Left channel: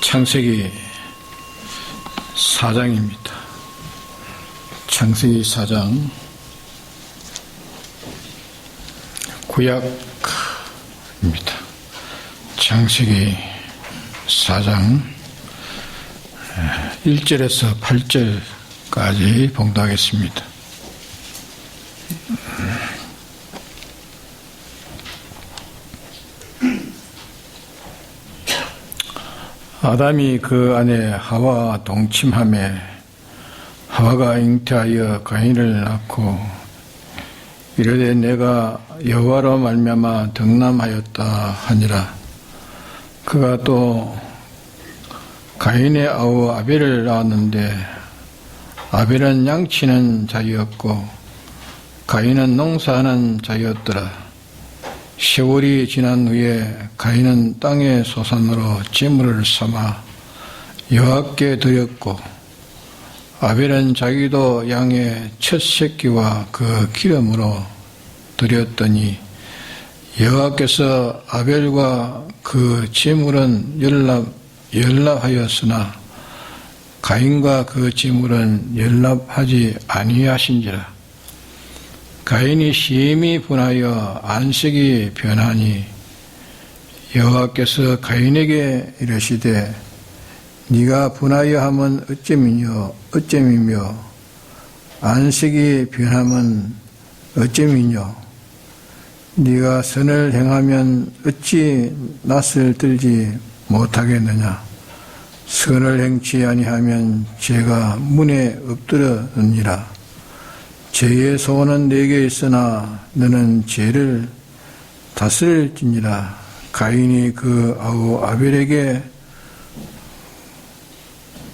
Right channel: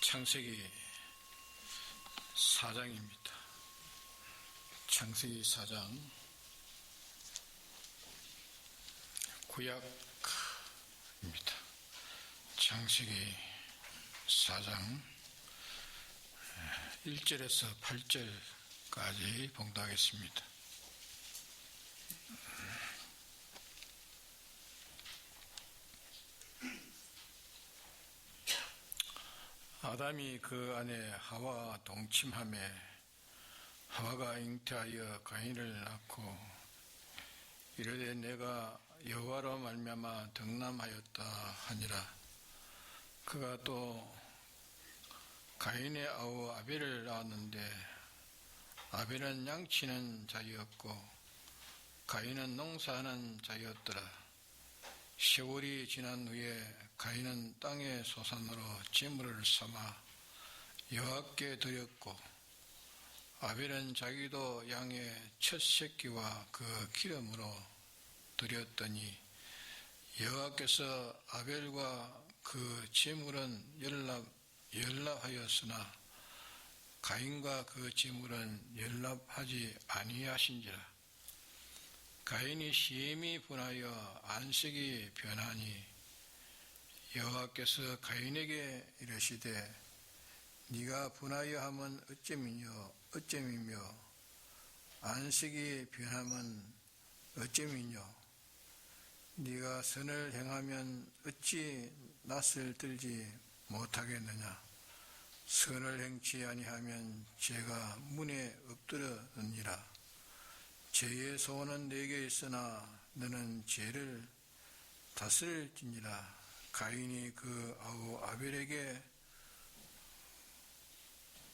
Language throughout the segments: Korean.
창세기 4장입니다. 창세기 4장 구약입니다. 창세기 4장 1절에서 8절까지 봉독하겠습니다. 아담이 그 아내 하와 동침하매 하와가 잉태하여 가인을 낳고 이르되 내가 여호와로 말미암아 덕남하였다 하니라. 그가 또 가인의 아우 아벨을 낳았는데 아벨은 양치는 자였고 가인은 농사하는 자였더라. 세월이 지난 후에 가인은 땅의 소산으로 제물을 삼아 여호와께 드렸고 아벨은 자기도 양의 첫 새끼와 그 기름으로 드렸더니 여호와께서 아벨과 그 제물은 연락하였으나 가인과 그 제물은 연락하지 아니하신지라. 가인이 심히 분하여 안색이 변하니 여호와께서 가인에게 이르시되 네가 분하여 함은 어쩌미며 안색이 변함은 어쩌미뇨. 네가 선을 행하면 어찌 낯을 들지 못하겠느냐. 선을 행치 아니하면 죄가 문에 엎드러느니라. 죄의 소원은 내게 있으나 너는 죄를 다스릴지니라. 가인이 그 아우 아벨에게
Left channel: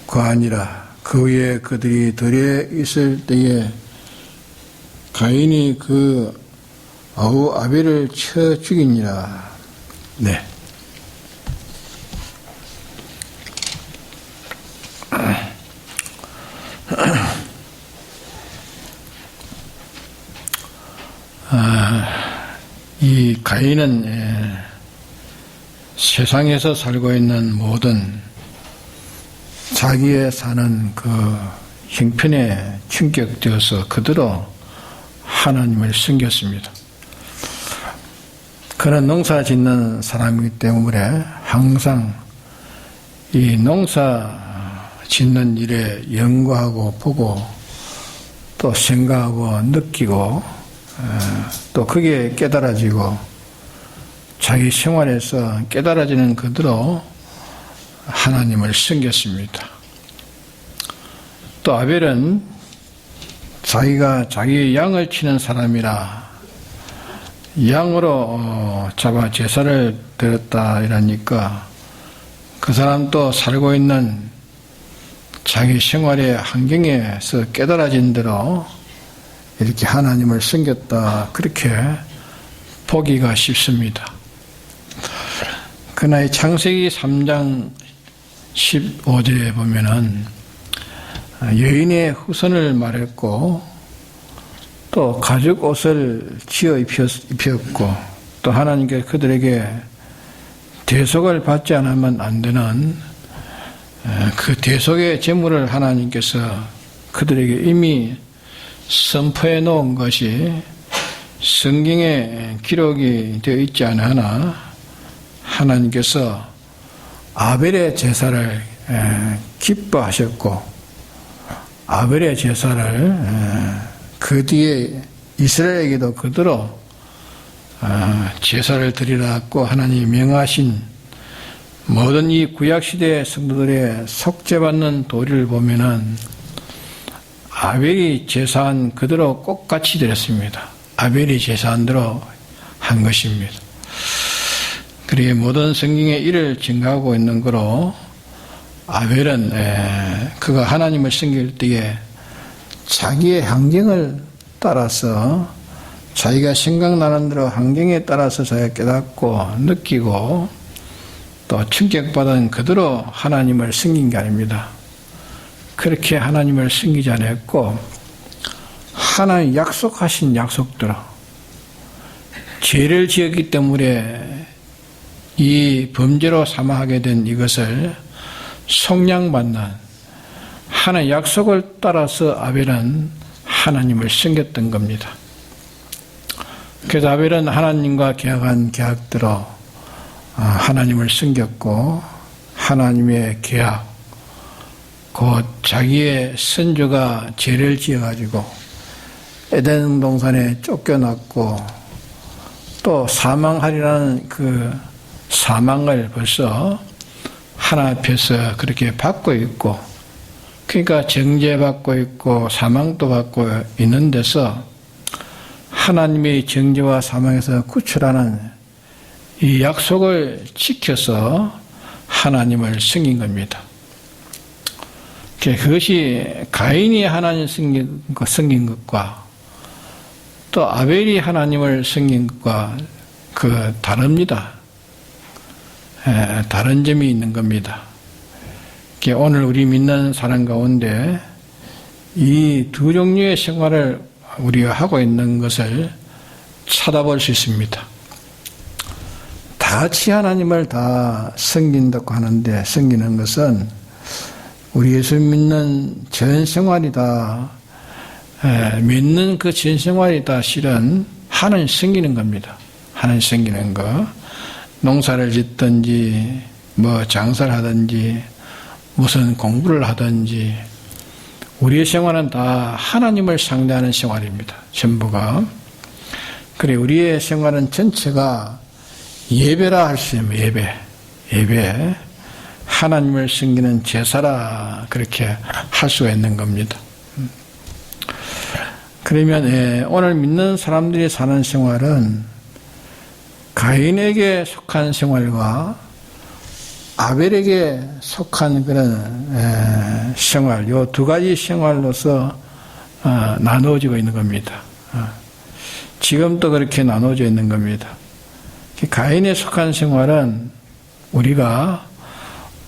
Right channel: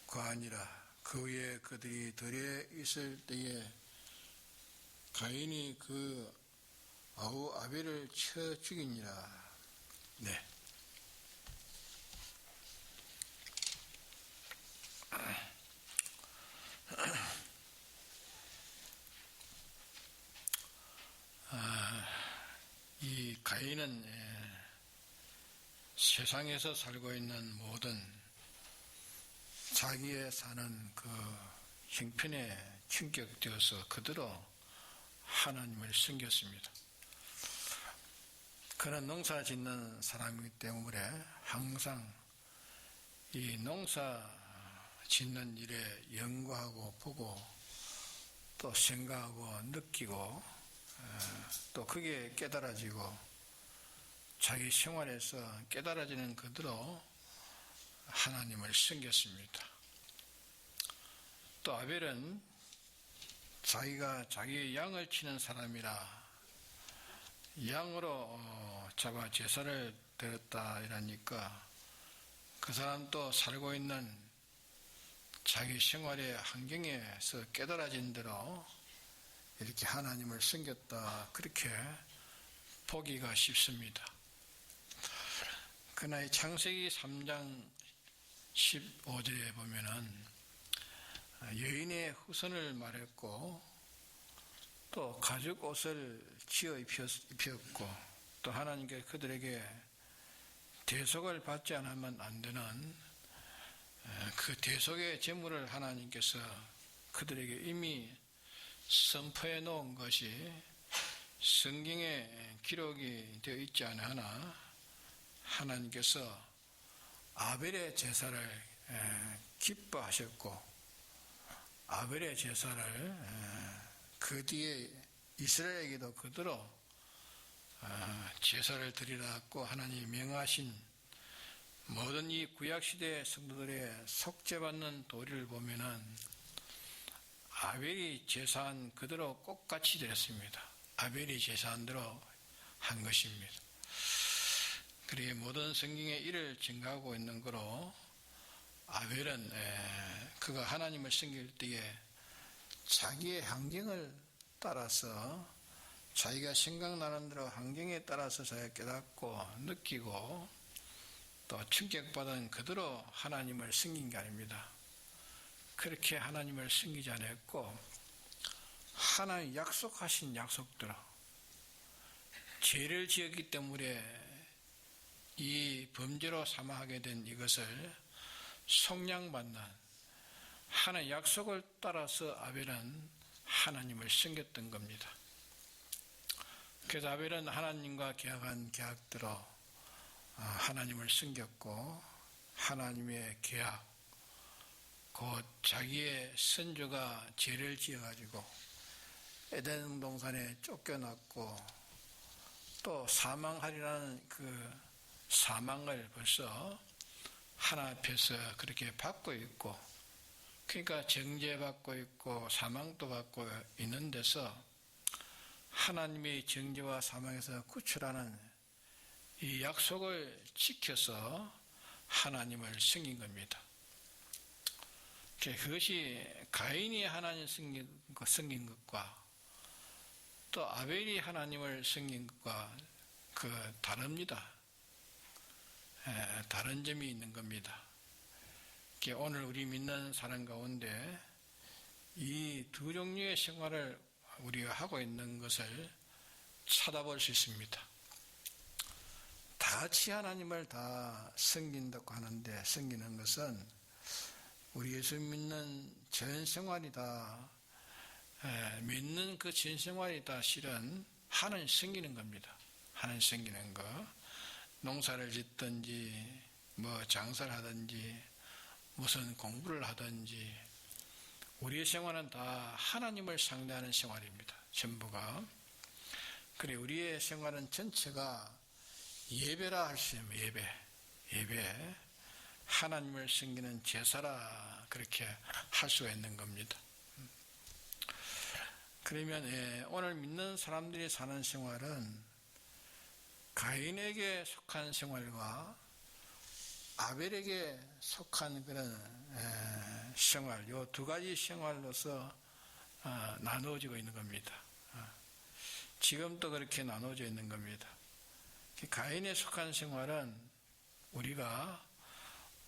거하니라. 그 후에 그들이 들에 있을 때에 가인이 그 아우 아벨을 쳐 죽이니라. 네. 이 가인은 세상에서 살고 있는 모든 자기의 사는 그 형편에 충격되어서 그대로 하나님을 섬겼습니다. 그는 농사 짓는 사람이기 때문에 항상 이 농사 짓는 일에 연구하고 보고 또 생각하고 느끼고 또 그게 깨달아지고 자기 생활에서 깨달아지는 그대로 하나님을 섬겼습니다. 또 아벨은 자기가 자기 양을 치는 사람이라 양으로 잡아 제사를 드렸다 이러니까 그 사람도 살고 있는 자기 생활의 환경에서 깨달아진 대로 이렇게 하나님을 섬겼다 그렇게 보기가 쉽습니다. 그러나 이 창세기 3장 15절에 보면은 여인의 후손을 말했고 또 가죽 옷을 지어 입혔고 또 하나님께 그들에게 대속을 받지 않으면 안 되는 그 대속의 제물을 하나님께서 그들에게 이미 선포해 놓은 것이 성경에 기록이 되어 있지 않으나 하나님께서 아벨의 제사를 기뻐하셨고 아벨의 제사를 그 뒤에 이스라엘에게도 그대로 제사를 드리라고 하나님이 명하신 모든 이 구약시대의 성도들의 속죄받는 도리를 보면은 아벨이 제사한 그대로 똑같이 드렸습니다. 아벨이 제사한 대로 한 것입니다. 그리고 모든 성경의 일을 증가하고 있는 거로 아벨은 그가 하나님을 섬길 때에 자기의 환경을 따라서 자기가 생각나는 대로 환경에 따라서 자기가 깨닫고 느끼고 또 충격받은 그대로 하나님을 섬긴 게 아닙니다. 그렇게 하나님을 섬기지 않았고 하나님 약속하신 약속대로 죄를 지었기 때문에 이 범죄로 사망하게 된 이것을 속량받는 하나의 약속을 따라서 아벨은 하나님을 섬겼던 겁니다. 그래서 아벨은 하나님과 계약한 계약대로 하나님을 섬겼고, 하나님의 계약, 곧 자기의 선조가 죄를 지어가지고 에덴 동산에 쫓겨났고 또 사망하리라는 그 사망을 벌써 하나 앞에서 그렇게 받고 있고, 그러니까 정죄받고 있고 사망도 받고 있는 데서 하나님의 정죄와 사망에서 구출하는 이 약속을 지켜서 하나님을 섬긴 겁니다. 그것이 가인이 하나님을 섬긴 것과 또 아벨이 하나님을 섬긴 것과 다릅니다. 다른 점이 있는 겁니다. 오늘 우리 믿는 사람 가운데 이 두 종류의 생활을 우리가 하고 있는 것을 찾아볼 수 있습니다. 다 같이 하나님을 다 섬긴다고 하는데, 섬기는 것은 우리 예수 믿는 전 생활이 다, 믿는 그 전 생활이 다 실은 하나님 섬기는 겁니다. 하나님 섬기는 거. 농사를 짓든지, 장사를 하든지, 무슨 공부를 하든지, 우리의 생활은 다 하나님을 상대하는 생활입니다. 전부가. 그래, 우리의 생활은 전체가 예배라 할 수 있는 예배. 하나님을 섬기는 제사라 그렇게 할 수가 있는 겁니다. 그러면 오늘 믿는 사람들이 사는 생활은 가인에게 속한 생활과 아벨에게 속한 그런 생활, 요 두 가지 생활로서 나누어지고 있는 겁니다. 지금도 그렇게 나누어져 있는 겁니다. 가인에 속한 생활은 우리가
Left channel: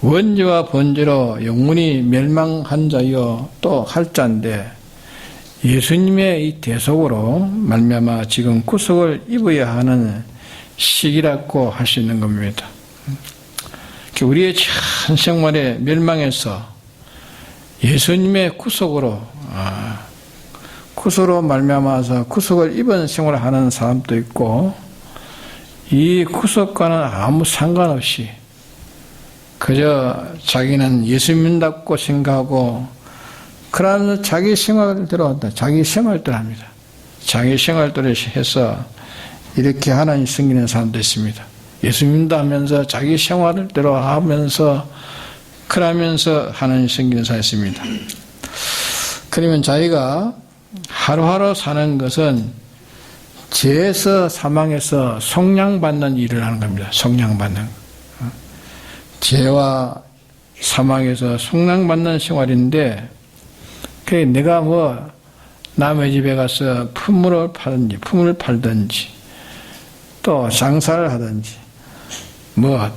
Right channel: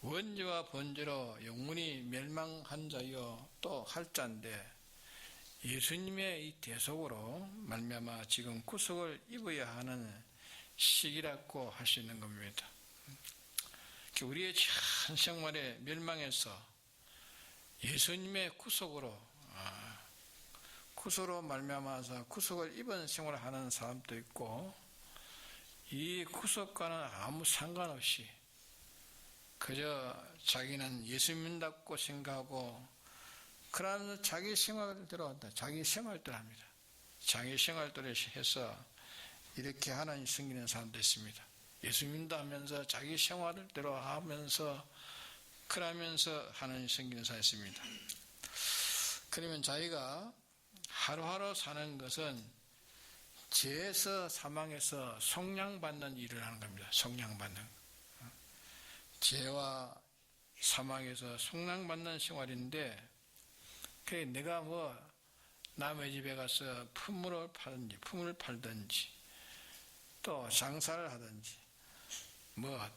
원죄와 번죄로 영원히 멸망한 자여 또 할 자인데, 예수님의 이 대속으로 말미암아 지금 구속을 입어야 하는 시기라고 할 수 있는 겁니다. 우리의 전 생활의 멸망에서 예수님의 구속으로 말미암아서 구속을 입은 생활을 하는 사람도 있고, 이 구속과는 아무 상관없이 그저 자기는 예수 믿는다고 생각하고 그러면서 자기 생활대로 한다. 자기 생활대로 합니다. 자기 생활대로 해서 이렇게 하나님 섬기는 사람도 있습니다. 예수 믿는다 하면서 자기 생활대로 하면서 그러면서 하나님 섬기는 사람이 있습니다. 그러면 자기가 하루하루 사는 것은 죄에서 사망에서 속량받는 일을 하는 겁니다. 속량받는. 죄와 사망에서 속량받는 생활인데, 내가 남의 집에 가서 품을 팔든지, 또 장사를 하든지,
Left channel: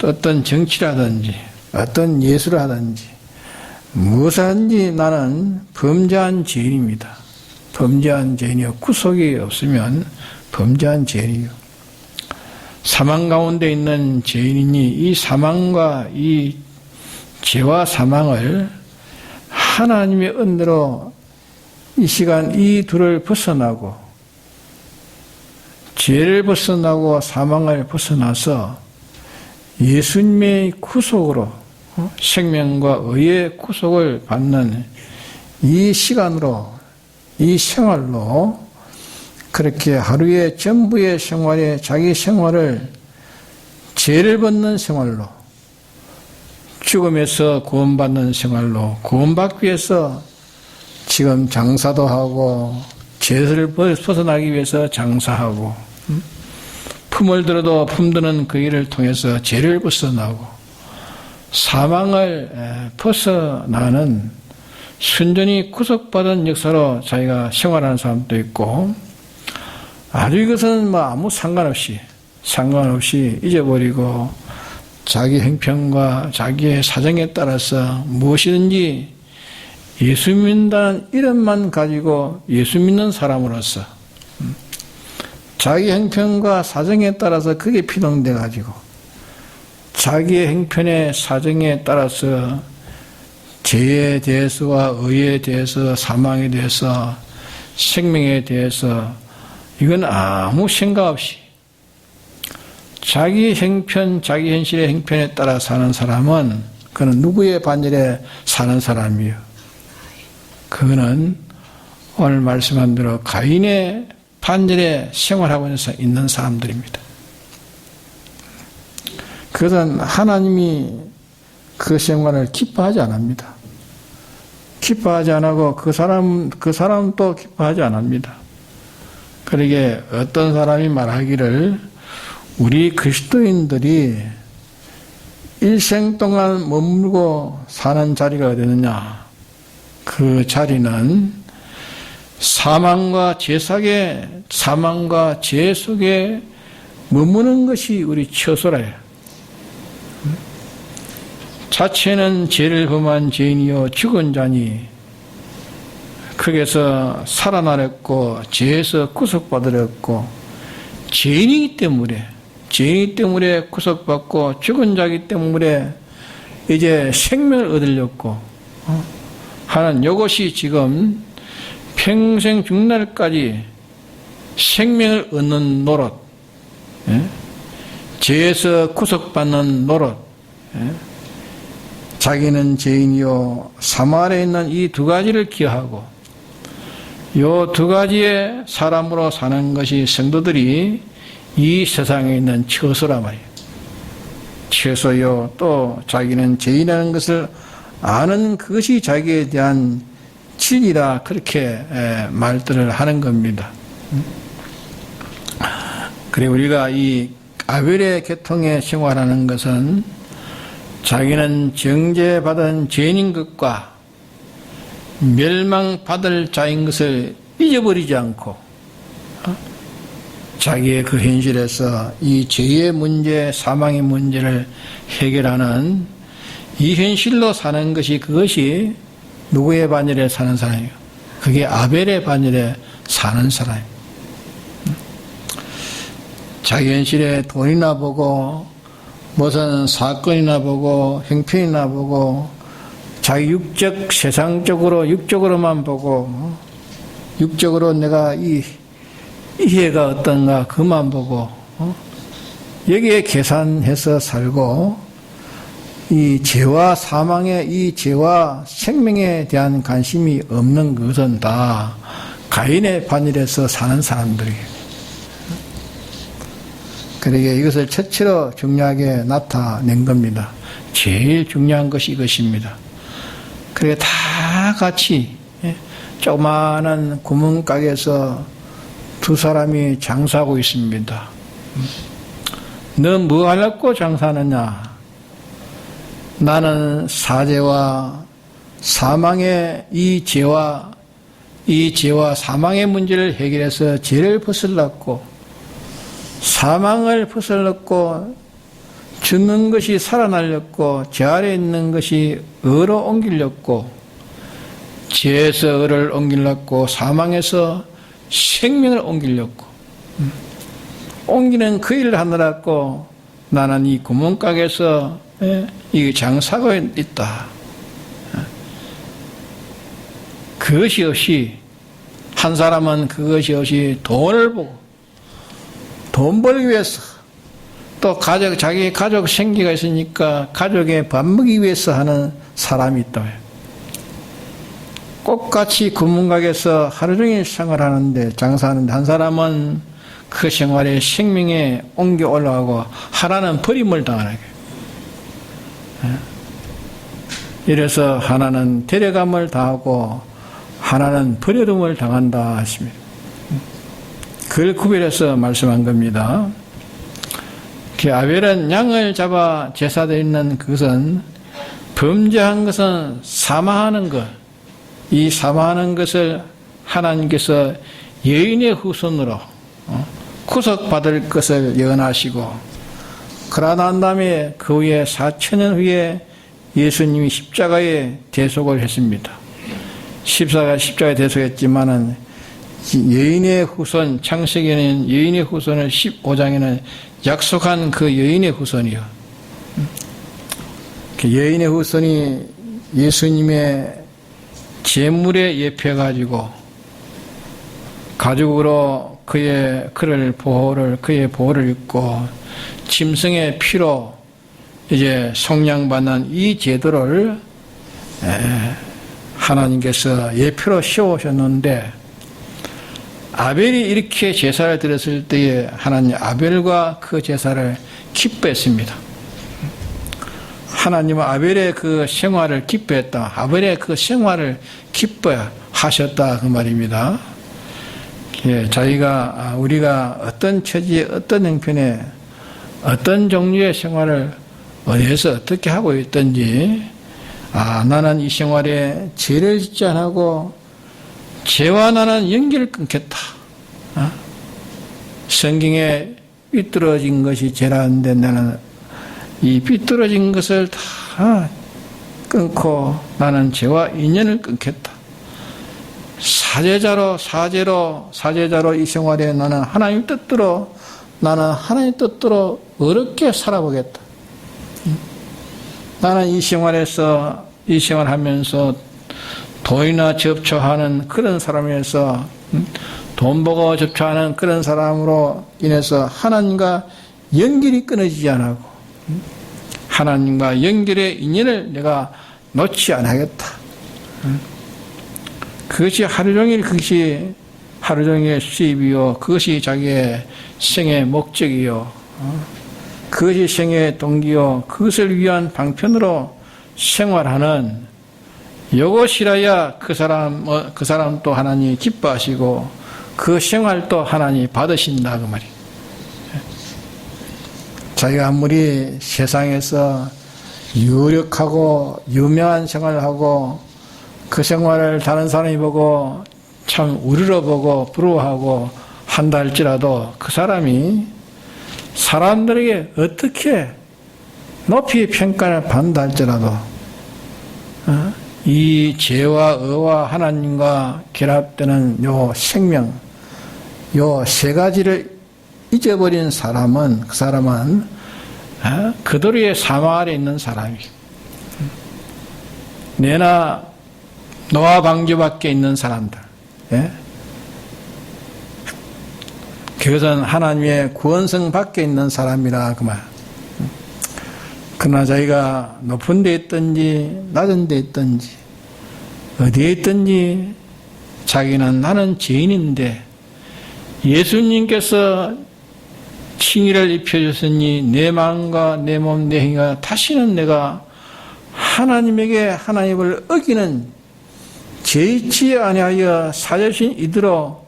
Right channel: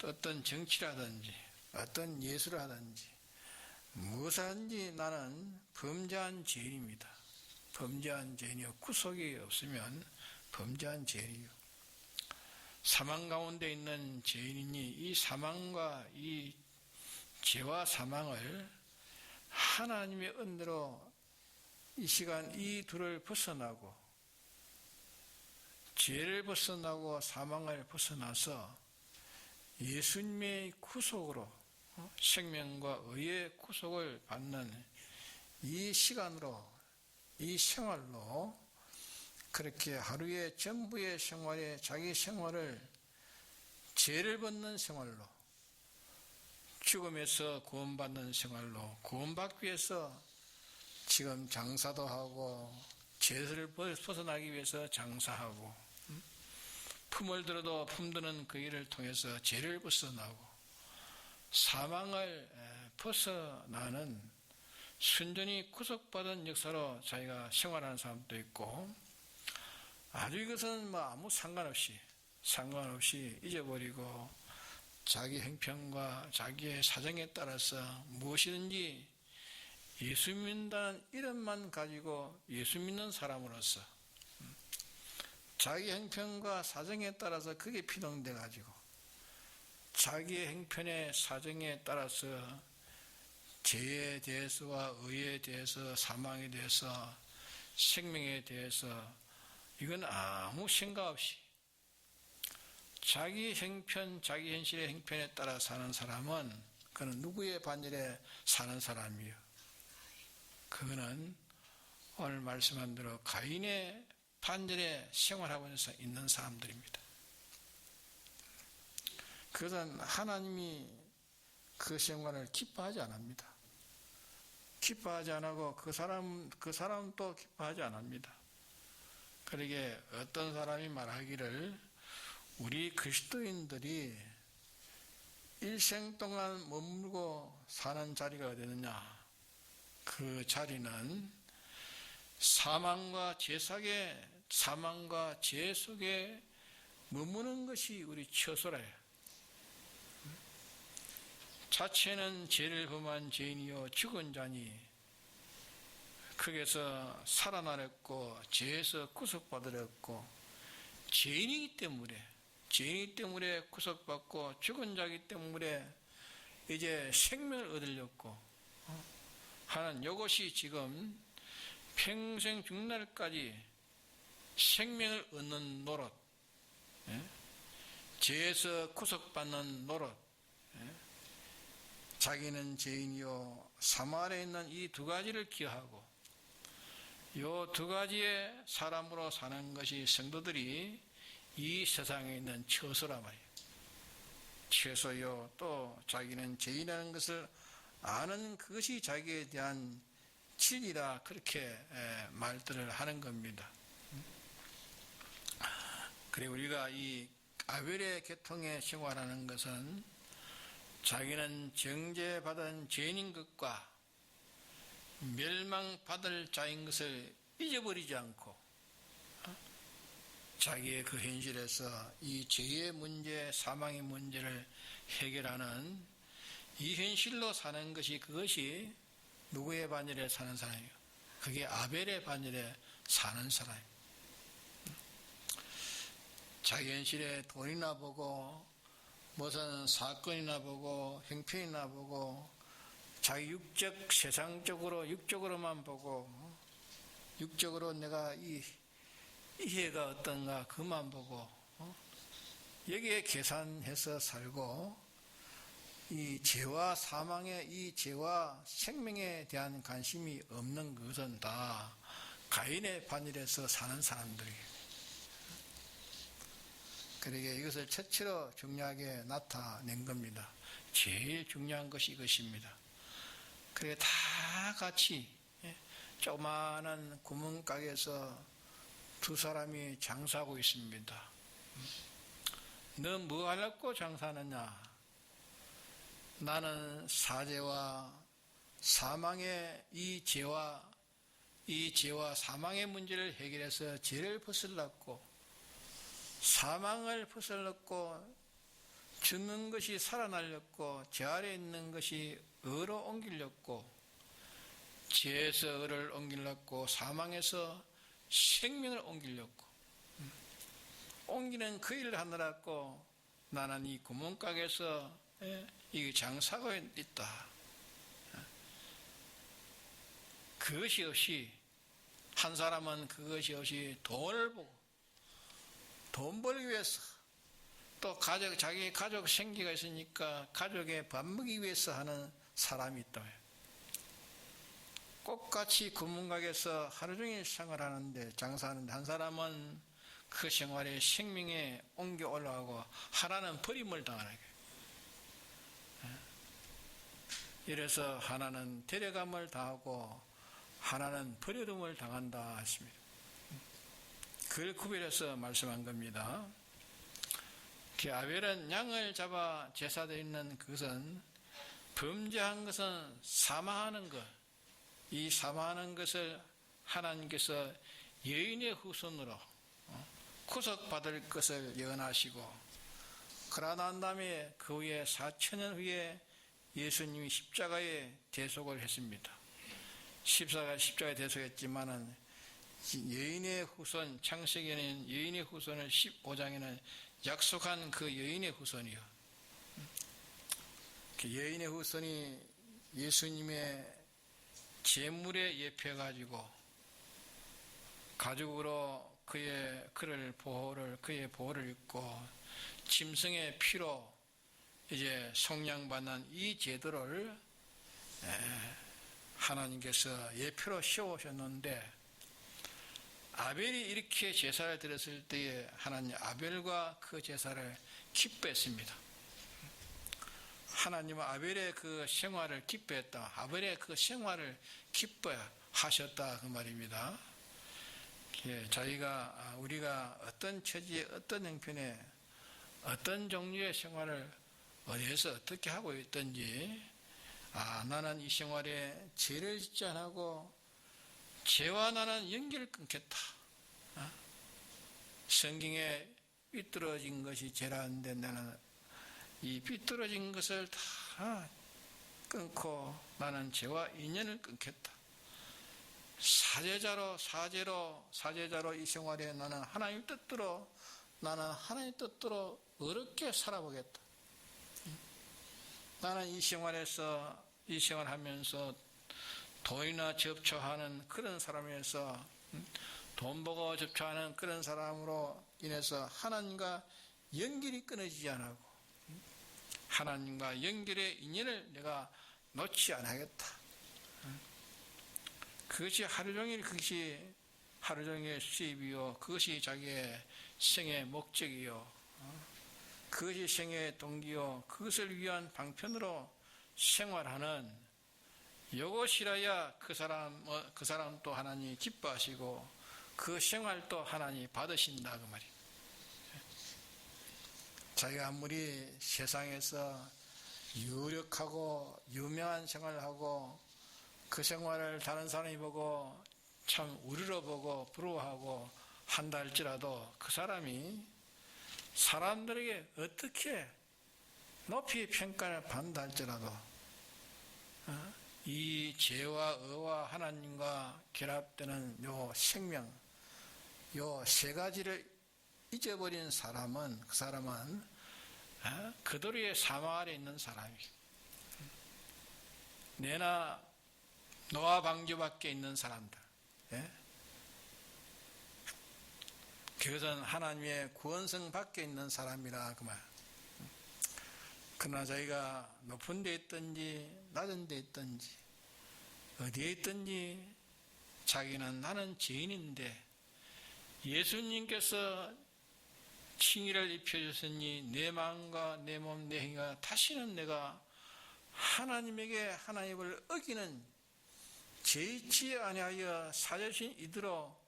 어떤 정치를 하든지, 어떤 예술을 하든지, 무엇하든지 나는 범죄한 죄인입니다. 범죄한 죄인이요. 구속이 없으면 범죄한 죄인이요. 사망 가운데 있는 죄인이니 이 사망과 이 죄와 사망을 하나님의 은혜로 이 시간 이 둘을 벗어나고, 죄를 벗어나고 사망을 벗어나서 예수님의 구속으로 생명과 의의 구속을 받는 이 시간으로, 이 생활로, 그렇게 하루의 전부의 생활에 자기 생활을 죄를 벗는 생활로, 죽음에서 구원받는 생활로, 구원받기 위해서 지금 장사도 하고, 죄를 벗어나기 위해서 장사하고, 품을 들어도 품드는 그 일을 통해서 죄를 벗어나고, 사망을 벗어나는 순전히 구속받은 역사로 자기가 생활하는 사람도 있고, 아주 이것은 아무 상관없이 잊어버리고 자기 형편과 자기의 사정에 따라서 무엇이든지 예수 믿는다는 이름만 가지고 예수 믿는 사람으로서 자기 형편과 사정에 따라서 그게 피동돼 가지고 자기의 행편의 사정에 따라서 죄에 대해서와 의에 대해서 사망에 대해서 생명에 대해서 이건 아무 생각 없이 자기 행편, 자기 현실의 행편에 따라 사는 사람은 그는 누구의 반열에 사는 사람이요. 그거는 오늘 말씀한 대로 가인의 반열에 생활하고 있는 사람들입니다. 그것은 하나님이 그 생활을 기뻐하지 않습니다. 기뻐하지 않고 그 사람도 기뻐하지 않습니다. 그러게 어떤 사람이 말하기를 우리 그리스도인들이 일생 동안 머물고 사는 자리가 어디느냐? 그 자리는 사망과 죄 속에 머무는 것이 우리 처소라요. 자체는 죄를 범한 죄인이요 죽은 자니 거기서 살아나렸고 죄에서 구속받으렸고 죄인이기 때문에 구속받고 죽은 자이기 때문에 이제 생명을 얻으려고 하는 이것이 지금 평생 죽날까지 생명을 얻는 노릇, 죄에서 구속받는 노릇, 자기는 죄인이요 사망 아래 있는 이 두 가지를 기하고 이 두 가지의 사람으로 사는 것이 성도들이 이 세상에 있는 처소란 말이에요. 처소요 또 자기는 죄인이라는 것을 아는 그것이 자기에 대한 진리라 그렇게 말들을 하는 겁니다. 그리고 우리가 이 아벨의 계통에 생활하는 것은 자기는 정죄받은 죄인인 것과 멸망받을 자인 것을 잊어버리지 않고 자기의 그 현실에서 이 죄의 문제, 사망의 문제를 해결하는 이 현실로 사는 것이 그것이 누구의 반열에 사는 사람이에요? 그게 아벨의 반열에 사는 사람이에요. 자기 현실에 돈이나 보고 무슨 사건이나 보고 형편이나 보고 자기 육적 세상적으로 육적으로만 보고 육적으로 내가 이 해가 어떤가 그만 보고 여기에 계산해서 살고 이 죄와 사망의 이 죄와 생명에 대한 관심이 없는 것은 다 가인의 반열에서 사는 사람들이에요. 그러게 이것을 첫째로 중요하게 나타낸 겁니다. 제일 중요한 것이 이것입니다. 그래 다 같이 조그마한 구멍가게에서 두 사람이 장사하고 있습니다. 너 뭐 하려고 장사하느냐? 나는 사죄와 사망의 이 죄와 사망의 문제를 해결해서 죄를 벗으려고 사망을 벗으려고 죽는 것이 살아나려고 죄 아래 있는 것이 의로 옮기려고 죄에서 의를 옮기려고 사망에서 생명을 옮기려고 옮기는 그 일을 하느라고 나는 이 구멍가게에서 이 장사하고 있다. 그것이 없이 한 사람은 그것이 없이 돈을 보고 돈 벌기 위해서 또 자기 가족 생기가 있으니까 가족에 밥 먹기 위해서 하는 사람이 있다. 똑같이 구멍가게에서 하루 종일 생활하는데 장사하는데 한 사람은 그 생활에 생명에 옮겨 올라가고 하나는 버림을 당하게. 이래서 하나는 데려감을 당하고 하나는 버려둠을 당한다 하십니다. 그걸 구별해서 말씀한 겁니다. 아벨은 양을 잡아 제사드리는 그것은 범죄한 것은 사망하는 것, 이 사망하는 것을 하나님께서 여인의 후손으로 구속받을 것을 예언하시고 그러나 난 다음에 그 후에 4,000년 후에 예수님이 십자가에 대속을 했습니다. 십자가에 대속했지만은 여인의 후손, 창세기에는 여인의 후손을 15장에는 약속한 그 여인의 후손이요. 여인의 후손이 예수님의 제물에 예표해가지고 가죽으로 그의 보호를 입고 짐승의 피로 이제 속량받는 이 제도를 하나님께서 예표로 씌우셨는데, 아벨이 이렇게 제사를 드렸을 때에 하나님 아벨과 그 제사를 기뻐했습니다. 하나님은 아벨의 그 생활을 기뻐했다. 아벨의 그 생활을 기뻐하셨다 그 말입니다. 우리가 어떤 처지에 어떤 형편에 어떤 종류의 생활을 어디에서 어떻게 하고 있든지, 나는 이 생활에 죄를 짓지 않고 죄와 나는 연결을 끊겠다. 성경에 삐뚤어진 것이 죄라는데 나는 이 삐뚤어진 것을 다 끊고 나는 죄와 인연을 끊겠다. 사제자로 이 생활에 나는 하나님 뜻대로 어렵게 살아보겠다. 나는 이 생활하면서 돈이나 접촉하는 그런 사람에서 돈 보고 접촉하는 그런 사람으로 인해서 하나님과 연결이 끊어지지 않고 하나님과 연결의 인연을 내가 놓지 않겠다. 그것이 하루 종일 수입이요, 그것이 자기의 생의 목적이요, 그것이 생의 동기요, 그것을 위한 방편으로 생활하는 이것이라야 그 사람 또 하나님이 기뻐하시고 그 생활도 하나님이 받으신다 그 말이에요. 자기가 아무리 세상에서 유력하고 유명한 생활을 하고 그 생활을 다른 사람이 보고 참 우러러보고 부러워하고 한다 할지라도 그 사람이 사람들에게 어떻게 높이 평가를 받는다 할지라도 이 죄와 의와 하나님과 결합되는 요 생명, 요 세 가지를 잊어버린 사람은 그도리의 사망 아래 있는 사람이에요. 내나 노아 방주 밖에 있는 사람들, 그것은 하나님의 구원성 밖에 있는 사람이라 그 말. 그러나 자기가 높은 데 있든지 낮은 데 있든지 어디에 있든지 자기는 나는 죄인인데 예수님께서 칭의를 입혀주셨으니 내 마음과 내 몸, 내 행위가 다시는 내가 하나님을 어기는 죄짓지 아니하여 사죄신 이대로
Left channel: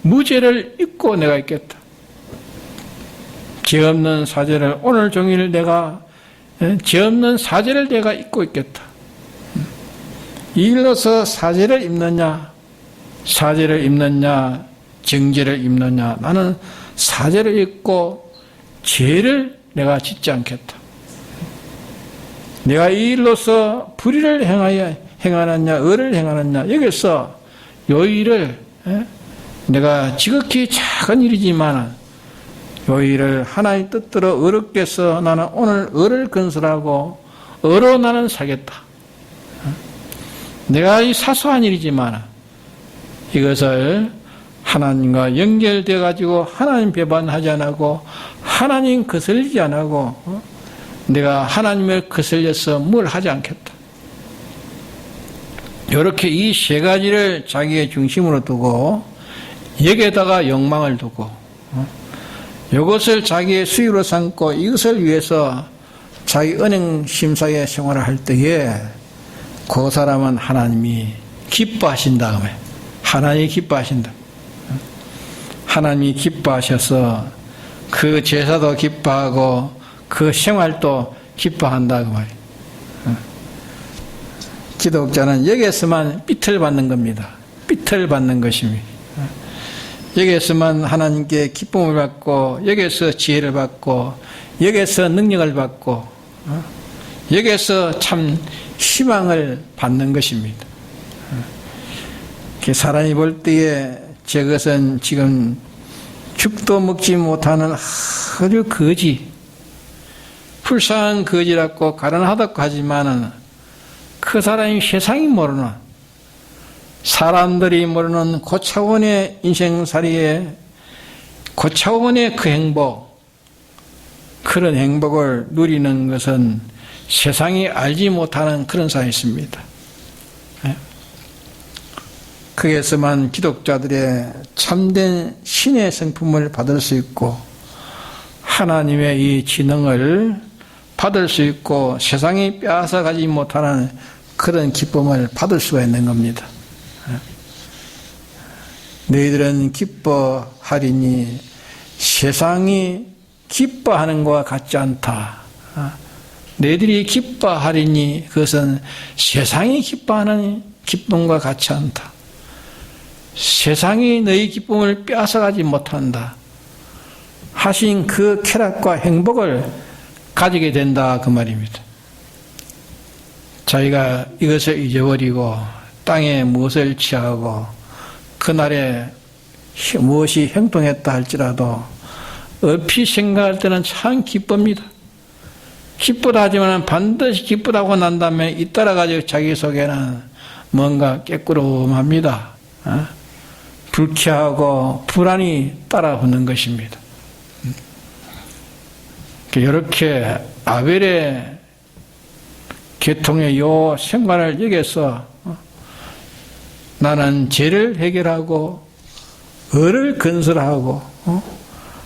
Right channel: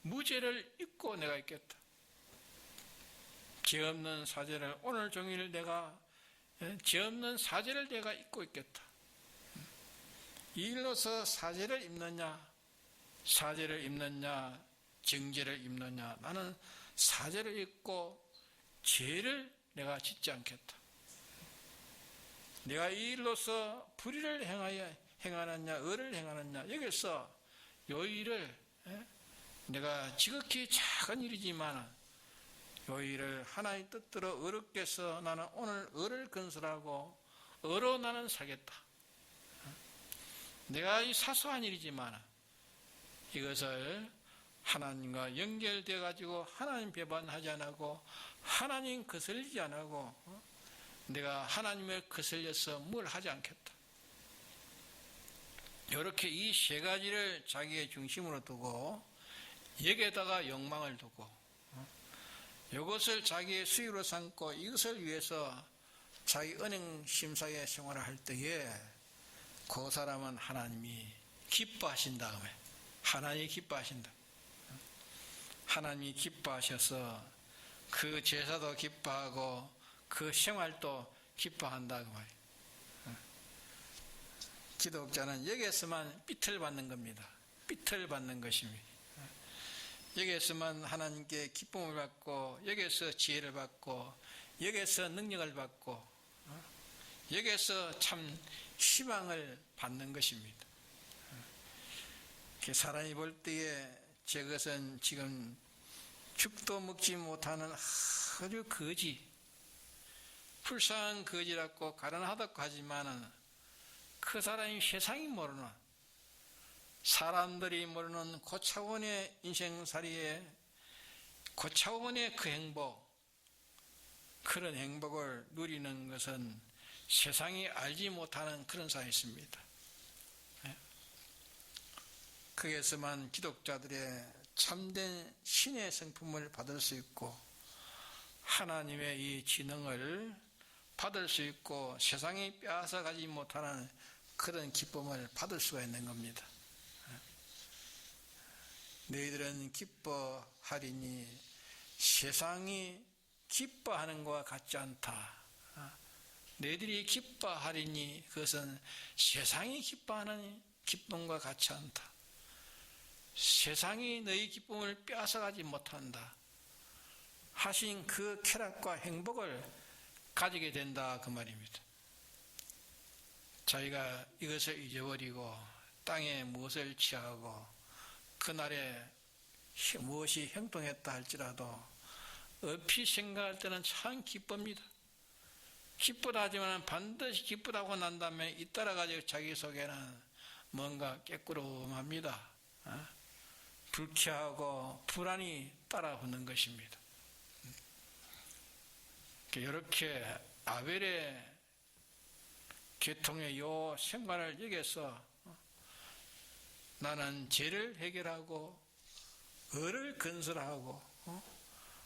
무죄를 잊고 내가 있겠다. 죄 없는 사죄를 오늘 종일 죄 없는 사죄를 내가 잊고 있겠다. 이 일로서 사죄를 입느냐 정죄를 입느냐. 나는 사죄를 입고 죄를 내가 짓지 않겠다. 내가 이 일로서 불의를 행하느냐 의를 행하느냐, 여기서 요 일을 내가 지극히 작은 일이지만 요 일을 하나님 뜻대로 어렵게 해서 나는 오늘 의를 건설하고 의로 나는 살겠다. 내가 이 사소한 일이지만 이것을 하나님과 연결되어 가지고 하나님 배반하지 않고 하나님 거슬리지 않고 내가 하나님을 거슬려서 뭘 하지 않겠다. 이렇게 이 세 가지를 자기의 중심으로 두고 여기에다가 욕망을 두고 이것을 자기의 수입으로 삼고 이것을 위해서 자기 은행 심사의 생활을 할 때에 그 사람은 하나님이 기뻐하신다. 하나님이 기뻐하신다. 하나님이 기뻐하셔서 그 제사도 기뻐하고 그 생활도 기뻐한다 그 말이에요. 기독자는 여기에서만 삐틀 받는 겁니다. 삐틀 받는 것입니다. 여기에서만 하나님께 기쁨을 받고 여기에서 지혜를 받고 여기에서 능력을 받고 여기에서 참 희망을 받는 것입니다. 사람이 볼 때에 저것은 지금 죽도 먹지 못하는 아주 거지, 불쌍한 거지라고 가련하다고 하지만은 그 사람이 세상이 모르는, 사람들이 모르는 고차원의 인생살이에 고차원의 그 행복, 그런 행복을 누리는 것은 세상이 알지 못하는 그런 사이있습니다. 거기에서만 기독자들의 참된 신의 성품을 받을 수 있고 하나님의 이 지능을 받을 수 있고 세상이 빼앗아가지 못하는 그런 기쁨을 받을 수가 있는 겁니다. 너희들은 기뻐하리니 세상이 기뻐하는 것과 같지 않다. 너희들이 기뻐하리니 그것은 세상이 기뻐하는 기쁨과 같지 않다. 세상이 너희 기쁨을 빼앗아가지 못한다 하신 그 쾌락과 행복을 가지게 된다 그 말입니다. 자기가 이것을 잊어버리고 땅에 무엇을 취하고 그날에 무엇이 행동했다 할지라도 얼핏 생각할 때는 참 기쁩니다. 기쁘다 하지만 반드시 기쁘다고 난 다음에 잇따라가지고 자기 속에는 뭔가 깨꾸름합니다. 불쾌하고 불안이 따라붙는 것입니다. 이렇게 아벨의 계통의 요 생활을 여기서 나는 죄를 해결하고 의를 건설하고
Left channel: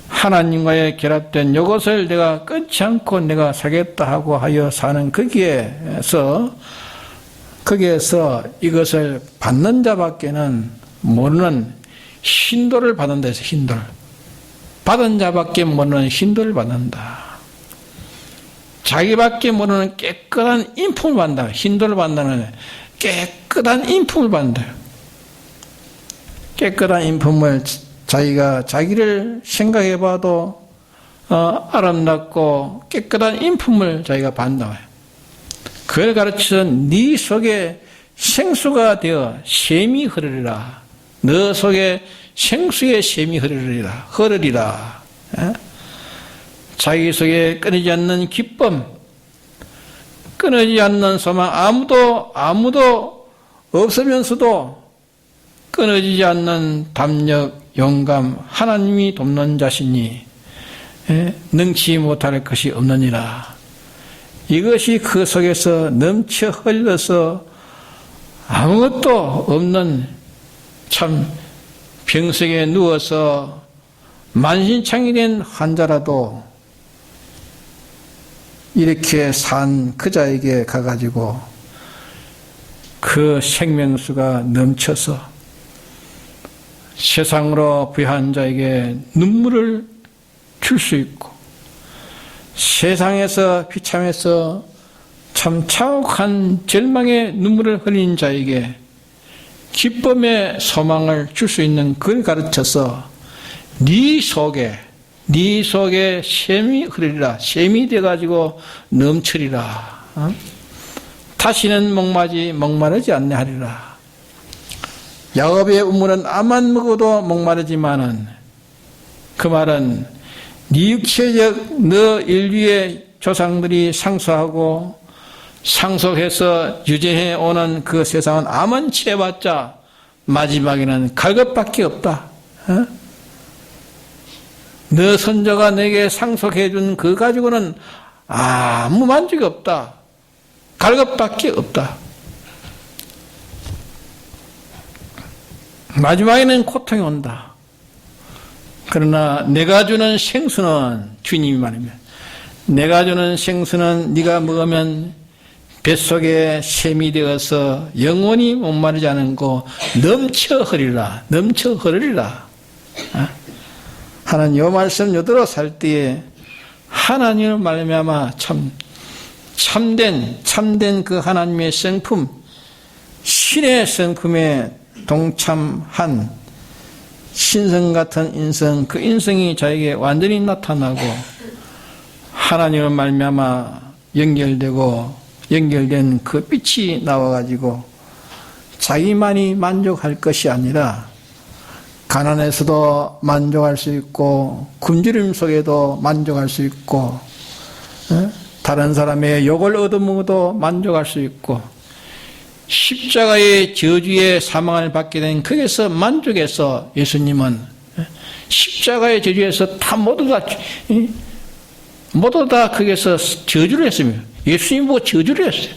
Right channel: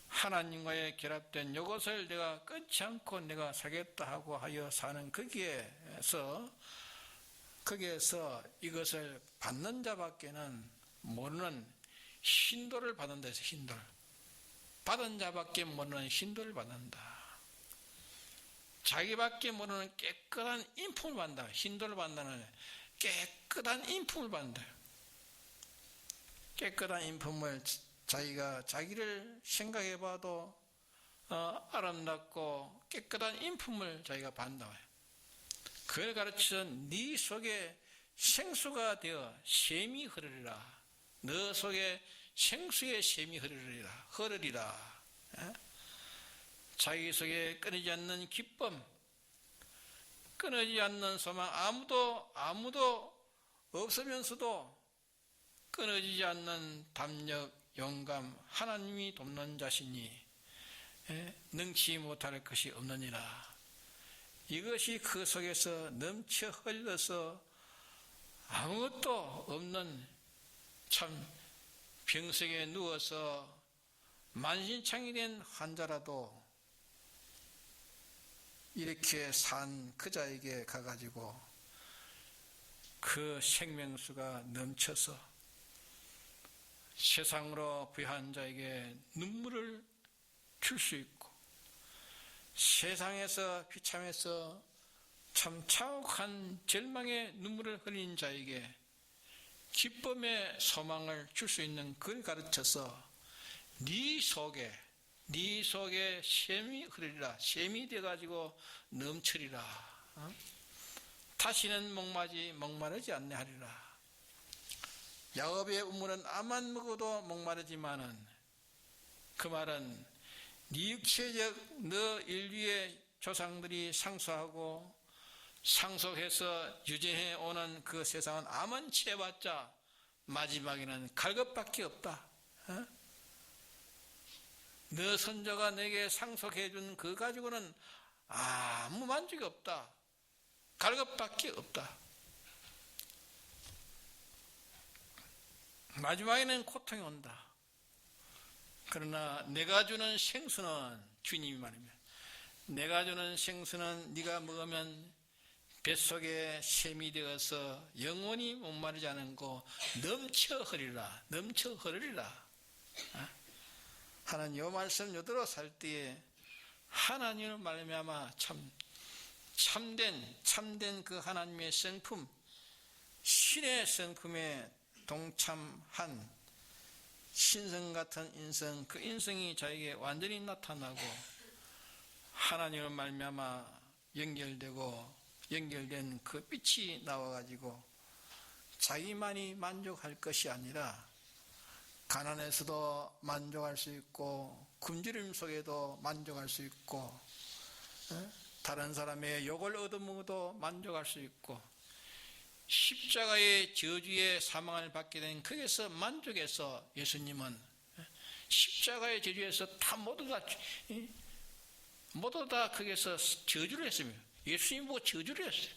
하나님과의 결합된 이것을 내가 끊지 않고 내가 살겠다 하고 하여 사는 거기에서 이것을 받는 자밖에는 모르는 hin도를 받는 데서 힌도 받은 자밖에 모르는 힌도를 받는다. 자기밖에 모르는 깨끗한 인품을 받는다. 힌도를 받는다는 깨끗한 인품을 받는다. 깨끗한 인품을 자기가 자기를 생각해 봐도 아름답고 깨끗한 인품을 자기가 받는다. 그걸 가르쳐서 네 속에 생수가 되어 샘이 흐르리라. 너 속에 생수의 샘이 흐르리라. 자기 속에 끊이지 않는 기쁨, 끊이지 않는 소망, 아무도 없으면서도 끊어지지 않는 담력, 영감, 하나님이 돕는 자신이 능치 못할 것이 없느니라. 이것이 그 속에서 넘쳐 흘러서 아무것도 없는 참 병석에 누워서 만신창이 된 환자라도 이렇게 산 그 자에게 가가지고 그 생명수가 넘쳐서 세상으로 부유한 자에게 눈물을 줄 수 있고 세상에서 비참해서 참 차옥한 절망의 눈물을 흘린 자에게 기쁨의 소망을 줄 수 있는 그걸 가르쳐서 네 속에 샘이 흐르리라. 샘이 돼가지고 넘치리라. 다시는 목마르지 않네 하리라. 야곱의 우물은 암만 먹어도 목마르지만은 그 말은 네 육체적 너 인류의 조상들이 상속하고 상속해서 유지해 오는 그 세상은 암은 취해봤자 마지막에는 갈 것밖에 없다. 너 선조가 내게 상속해 준 그 가지고는 아무 만족이 없다. 갈 것밖에 없다. 마지막에는 고통이 온다. 그러나 내가 주는 생수는 주님이 말입니다. 내가 주는 생수는 네가 먹으면 뱃속에 샘이 되어서 영원히 목마르지 않고 넘쳐 흐리라. 하나님 이 말씀 요대로 살 때에 하나님을 말미암아 참된 그 하나님의 성품, 신의 성품에 동참한 신성 같은 인성, 그 인성이 자에게 완전히 나타나고 하나님을 말미암아 연결된 그 빛이 나와가지고 자기만이 만족할 것이 아니라 가난에서도 만족할 수 있고 굶주림 속에도 만족할 수 있고 다른 사람의 욕을 얻어먹어도 만족할 수 있고, 십자가의 저주의 사망을 받게 된 거기서 만족해서 예수님은 십자가의 저주에서 다 모두 다 거기서 저주를 했습니다. 예수님 보고 저주를 했어요.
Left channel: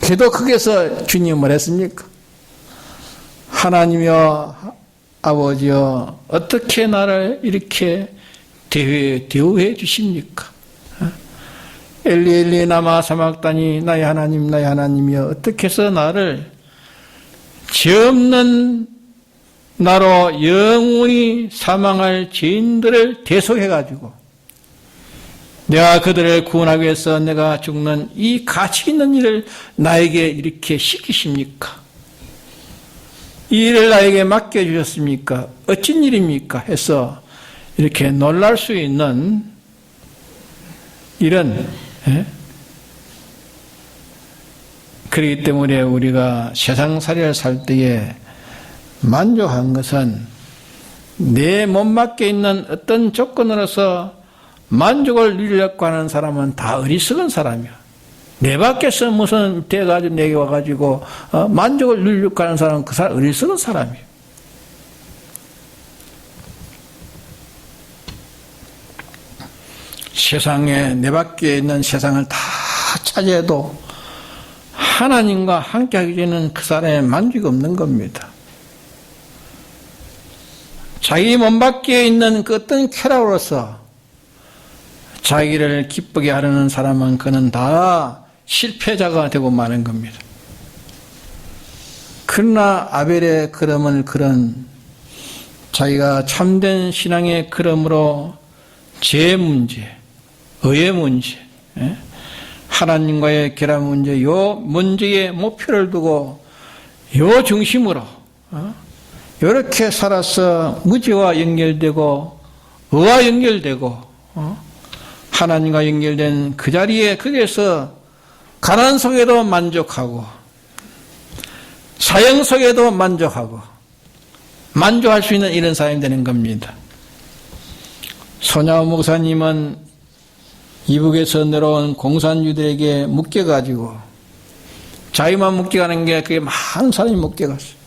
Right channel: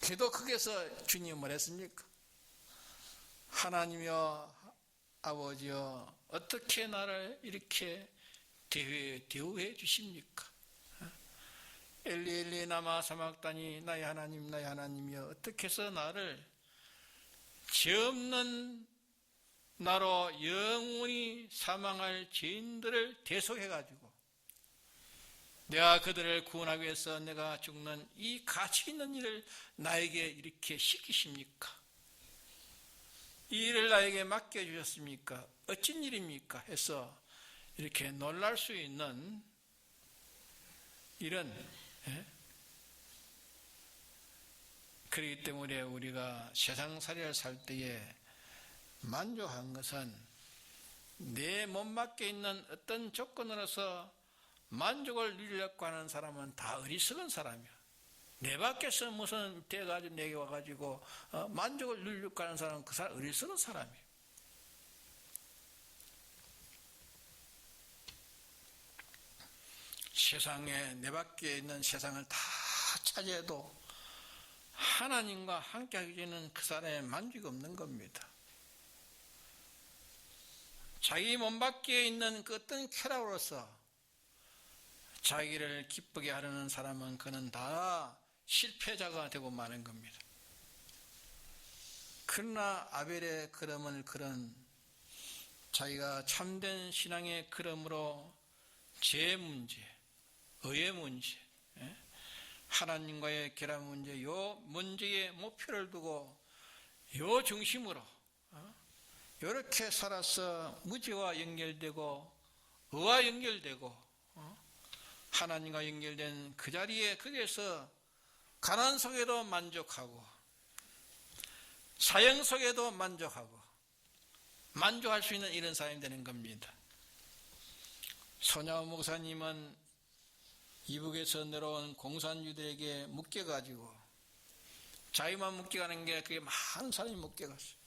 그래도 거기서 주님은 뭘 했습니까? 하나님이여 아버지여 어떻게 나를 이렇게 대우해 주십니까? 엘리 엘리 라마 사막다니 나의 하나님 나의 하나님이여 어떻게 해서 나를 죄 없는 나로 영원히 사망할 죄인들을 대속해가지고 내가 그들을 구원하기 위해서 내가 죽는 이 가치 있는 일을 나에게 이렇게 시키십니까? 이 일을 나에게 맡겨주셨습니까? 어쩐 일입니까? 해서 이렇게 놀랄 수 있는 이런 그렇기 때문에 우리가 세상살이를 살 때에 만족한 것은 내 몸밖에 있는 어떤 조건으로서 만족을 누리려고 하는 사람은 다 어리석은 사람이야. 내 밖에서 무슨 돼가지고 내게 와가지고 만족을 누리려고 하는 사람은 그 사람 어리석은 사람이야. 세상에 내 밖에 있는 세상을 다 차지해도 하나님과 함께하기 전에는 그 사람의 만족이 없는 겁니다. 자기 몸 밖에 있는 그 어떤 쾌락으로서 자기를 기쁘게 하려는 사람은 그는 다 실패자가 되고 마는 겁니다. 그러나 아벨의 걸음을 걸은 자기가 참된 신앙의 걸음으로 죄 문제, 의의 문제, 하나님과의 결합 문제, 요 문제에 목표를 두고 요 중심으로 이렇게 살아서 무지와 연결되고 의와 연결되고 하나님과 연결된 그 자리에 거기에서 가난 속에도 만족하고 사형 속에도 만족하고 만족할 수 있는 이런 사람이 되는 겁니다. 손야호 목사님은 이북에서 내려온 공산주의들에게 묶여가지고 자기만 묶여가는 게 그게 많은 사람이 묶여갔어요.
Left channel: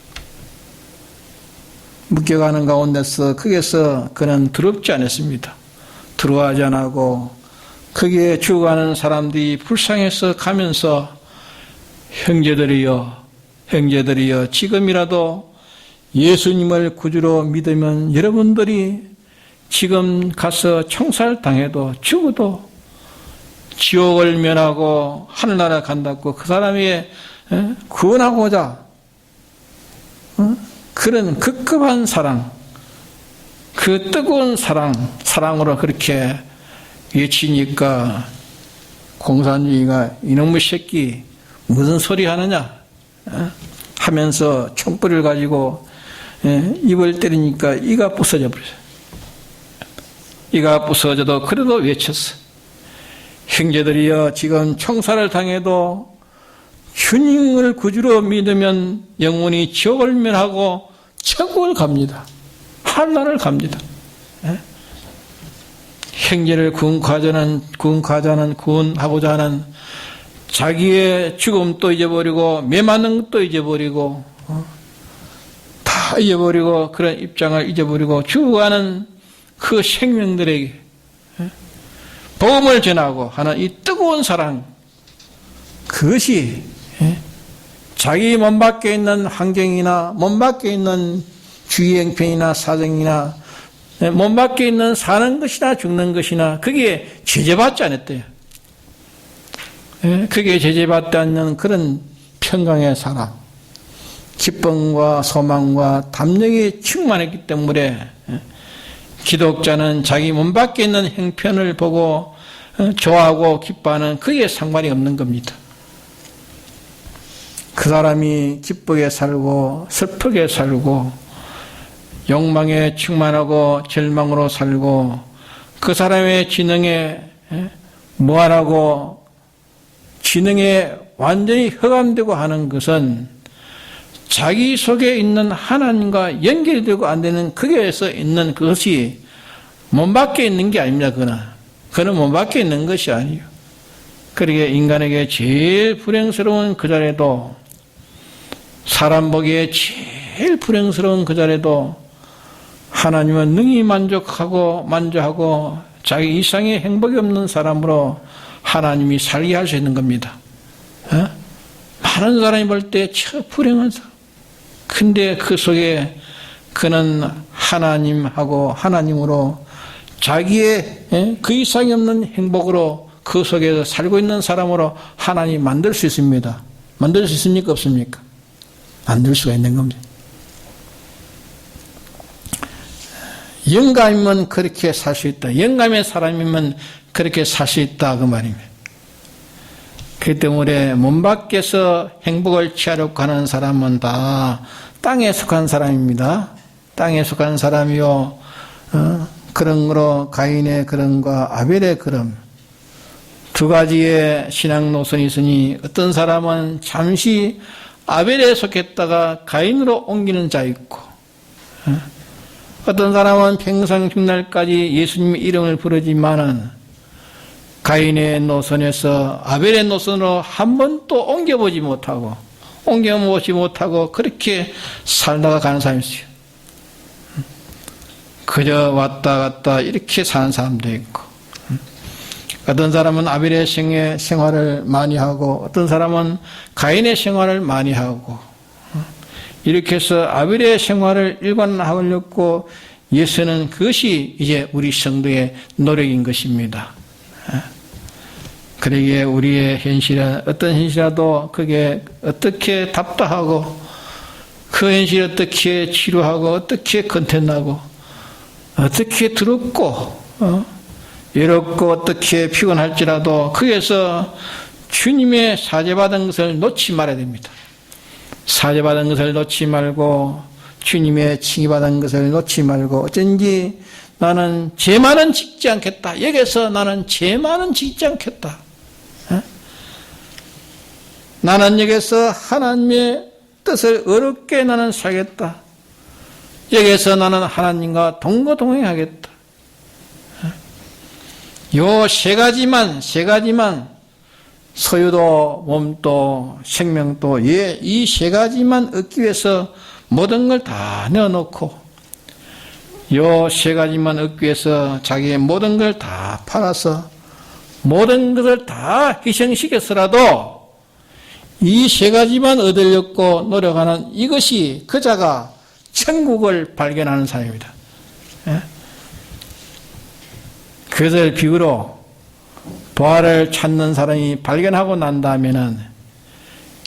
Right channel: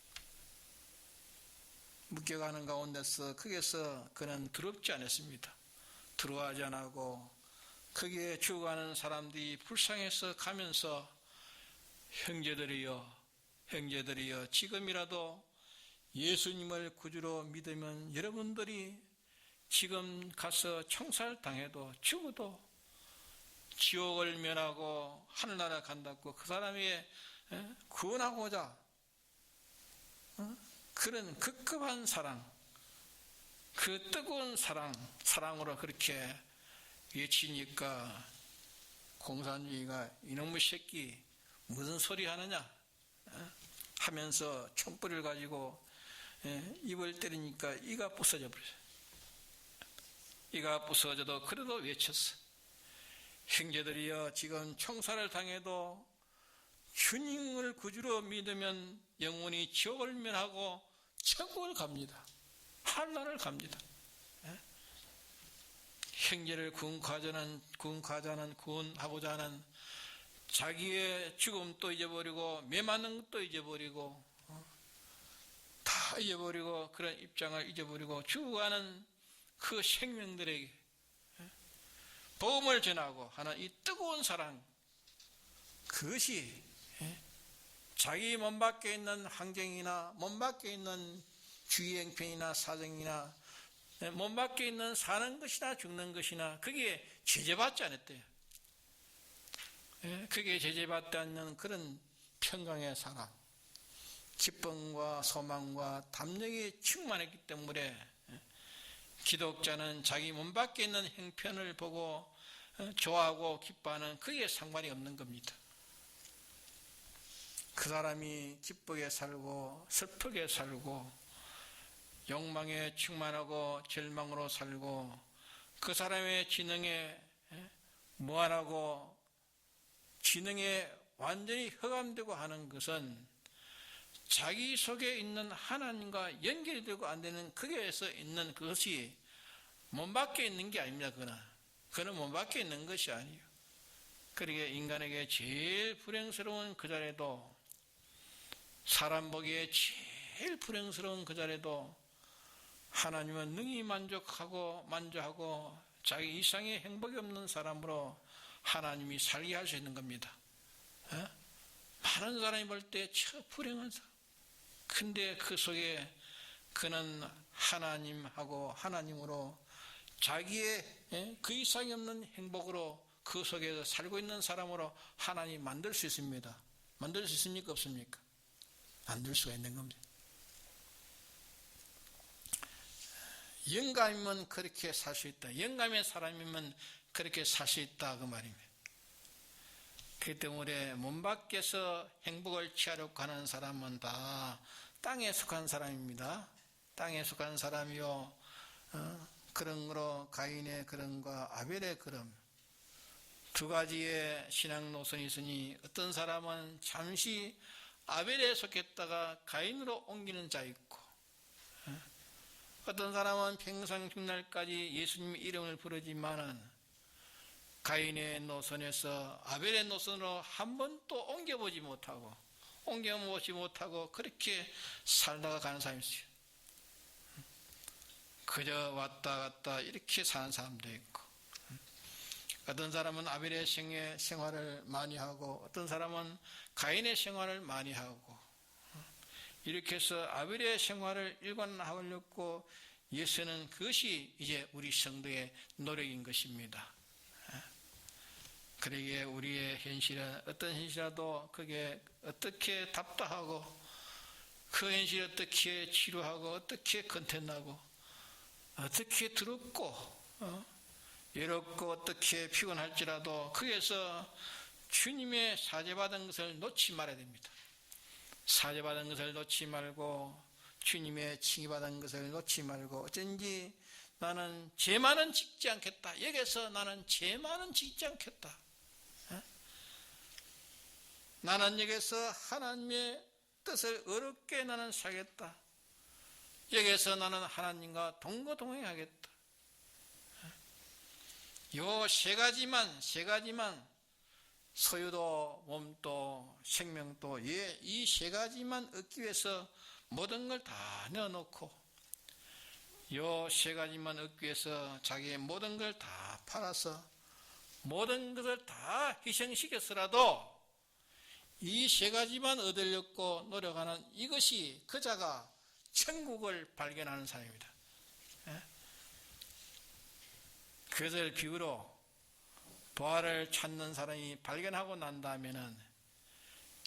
묶여가는 가운데서 거기에서 그는 더럽지 않았습니다. 들어가지 않고 거기에 죽어가는 사람들이 불쌍해서 가면서 형제들이여 지금이라도 예수님을 구주로 믿으면 여러분들이 지금 가서 총살당해도 죽어도 지옥을 면하고 하늘나라 간다고 그 사람이 구원하고자 그런 급급한 사랑, 그 뜨거운 사랑으로 그렇게 외치니까 공산주의가 이놈의 새끼 무슨 소리 하느냐 하면서 총불을 가지고 입을 때리니까 이가 부서져 버렸어요. 이가 부서져도 그래도 외쳤어. 형제들이여 지금 총살을 당해도 주님을 구주로 믿으면 영원히 지옥을 면하고 천국을 갑니다. 한란을 갑니다. 형제를 구원하고자 하는 자기의 죽음도 잊어버리고 매맞는 것도 잊어버리고 다 잊어버리고 그런 입장을 잊어버리고 죽어가는 그 생명들에게 복음을 전하고 하는 이 뜨거운 사랑, 그것이 자기 몸 밖에 있는 환경이나 몸 밖에 있는 주의 형편이나 사정이나 몸 밖에 있는 사는 것이나 죽는 것이나 그게 제재받지 않았대요. 그게 제재받지 않는 그런 평강의 사랑, 기쁨과 소망과 담력이 충만했기 때문에 기독자는 자기 몸 밖에 있는 형편을 보고 좋아하고 기뻐하는 그게 상관이 없는 겁니다. 그 사람이 기쁘게 살고 슬프게 살고 욕망에 충만하고 절망으로 살고 그 사람의 지능에 무한하고 지능에 완전히 흑암되고 하는 것은 자기 속에 있는 하나님과 연결되고 안 되는 거기에서 있는 그것이 몸 밖에 있는 게 아닙니다. 그거는 그는 못 밖에 있는 것이 아니에요. 그러기에 인간에게 제일 불행스러운 그 자리에도, 사람 보기에 제일 불행스러운 그 자리에도 하나님은 능히 만족하고 자기 이상의 행복이 없는 사람으로 하나님이 살게 할 수 있는 겁니다. 많은 사람이 볼 때 참 불행한 사람. 근데 그 속에 그는 하나님으로 자기의 그 이상이 없는 행복으로 그 속에서 살고 있는 사람으로 하나님이 만들 수 있습니다. 만들 수 있습니까? 없습니까? 만들 수가 있는 겁니다. 영감이면 그렇게 살 수 있다. 영감의 사람이면 그렇게 살 수 있다. 그 말입니다. 그렇기 때문에 몸 밖에서 행복을 취하려고 하는 사람은 다 땅에 속한 사람입니다. 땅에 속한 사람이요. 그런 거로 가인의 그런과 아벨의 그런 두 가지의 신앙 노선이 있으니 어떤 사람은 잠시 아벨에 속했다가 가인으로 옮기는 자 있고, 어떤 사람은 평생 죽날까지 예수님의 이름을 부르지만은 가인의 노선에서 아벨의 노선으로 한 번도 옮겨보지 못하고 그렇게 살다가 가는 사람이 있어요. 그저 왔다 갔다 이렇게 사는 사람도 있고, 어떤 사람은 아벨의 생활을 많이 하고 어떤 사람은 가인의 생활을 많이 하고, 이렇게 해서 아벨의 생활을 일관하려고 예수는 그것이 이제 우리 성도의 노력인 것입니다. 그러기에 우리의 현실은 어떤 현실이라도 그게 어떻게 답답하고 그 현실을 어떻게 치료하고 어떻게 컨텐하고 어떻게 두렵고 외롭고 어떻게 피곤할지라도 거기에서 주님의 사죄받은 것을 놓지 말아야 됩니다. 사죄받은 것을 놓지 말고 주님의 칭의받은 것을 놓지 말고 어쩐지 나는 죄만은 짓지 않겠다. 여기서 나는 죄만은 짓지 않겠다. 나는 여기서 하나님의 뜻을 어렵게 나는 살겠다. 여기서 나는 하나님과 동거동행하겠다. 요 세 가지만 소유도 몸도 생명도 이 세 가지만 얻기 위해서 모든 걸 다 내어놓고 요 세 가지만 얻기 위해서 자기의 모든 걸 다 팔아서 모든 것을 다 희생시켜서라도 이 세 가지만 얻으려고 노력하는 이것이 그자가 천국을 발견하는 사람입니다. 그것을 비유로 부활을 찾는 사람이 발견하고 난 다음에는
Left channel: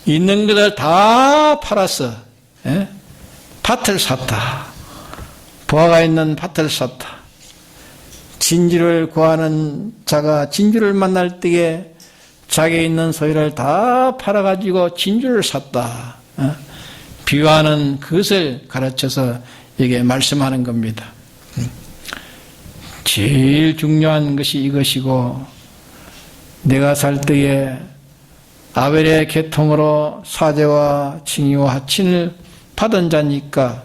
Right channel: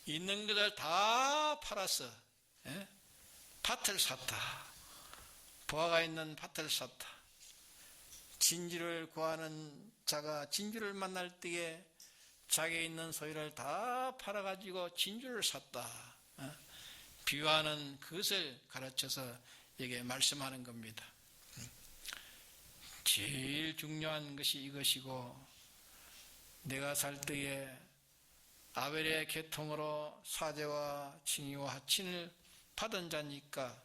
있는 것을 다 팔아서 밭을 샀다. 부활가 있는 밭을 샀다. 진주를 구하는 자가 진주를 만날 때에 자기에 있는 소유를 다 팔아가지고 진주를 샀다. 비유하는 그것을 가르쳐서 이게 말씀하는 겁니다. 제일 중요한 것이 이것이고, 내가 살 때에 아벨의 계통으로 사죄와 칭의와 하친을 받은 자니까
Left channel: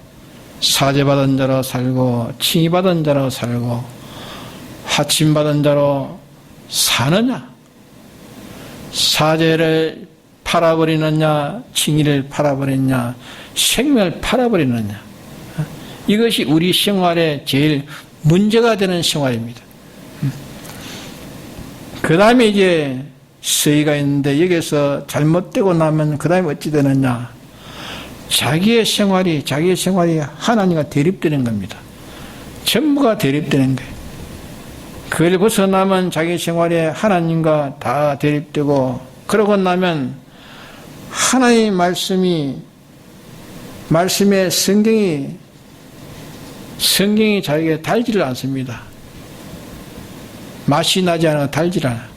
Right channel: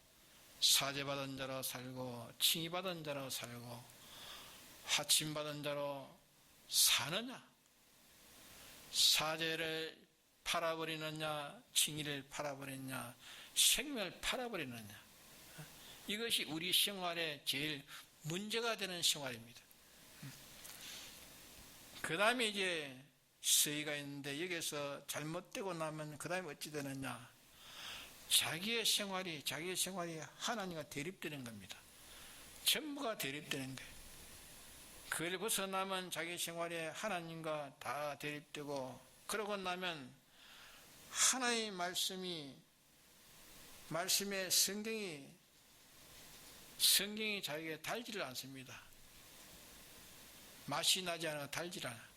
사죄받은 자로 살고 칭의받은 자로 살고 하친받은 자로 사느냐, 사죄를 팔아버리느냐, 칭의를 팔아버리느냐, 생명을 팔아버리느냐, 이것이 우리 생활에 제일 문제가 되는 생활입니다. 그 다음에 이제 서의가 있는데 여기서 잘못되고 나면 그 다음에 어찌 되느냐, 자기의 생활이 하나님과 대립되는 겁니다. 전부가 대립되는 거예요. 그걸 벗어나면 자기 생활에 하나님과 다 대립되고, 그러고 나면 하나님의 말씀의 성경이 자기에게 달지를 않습니다. 맛이 나지 않아 달지를 않아.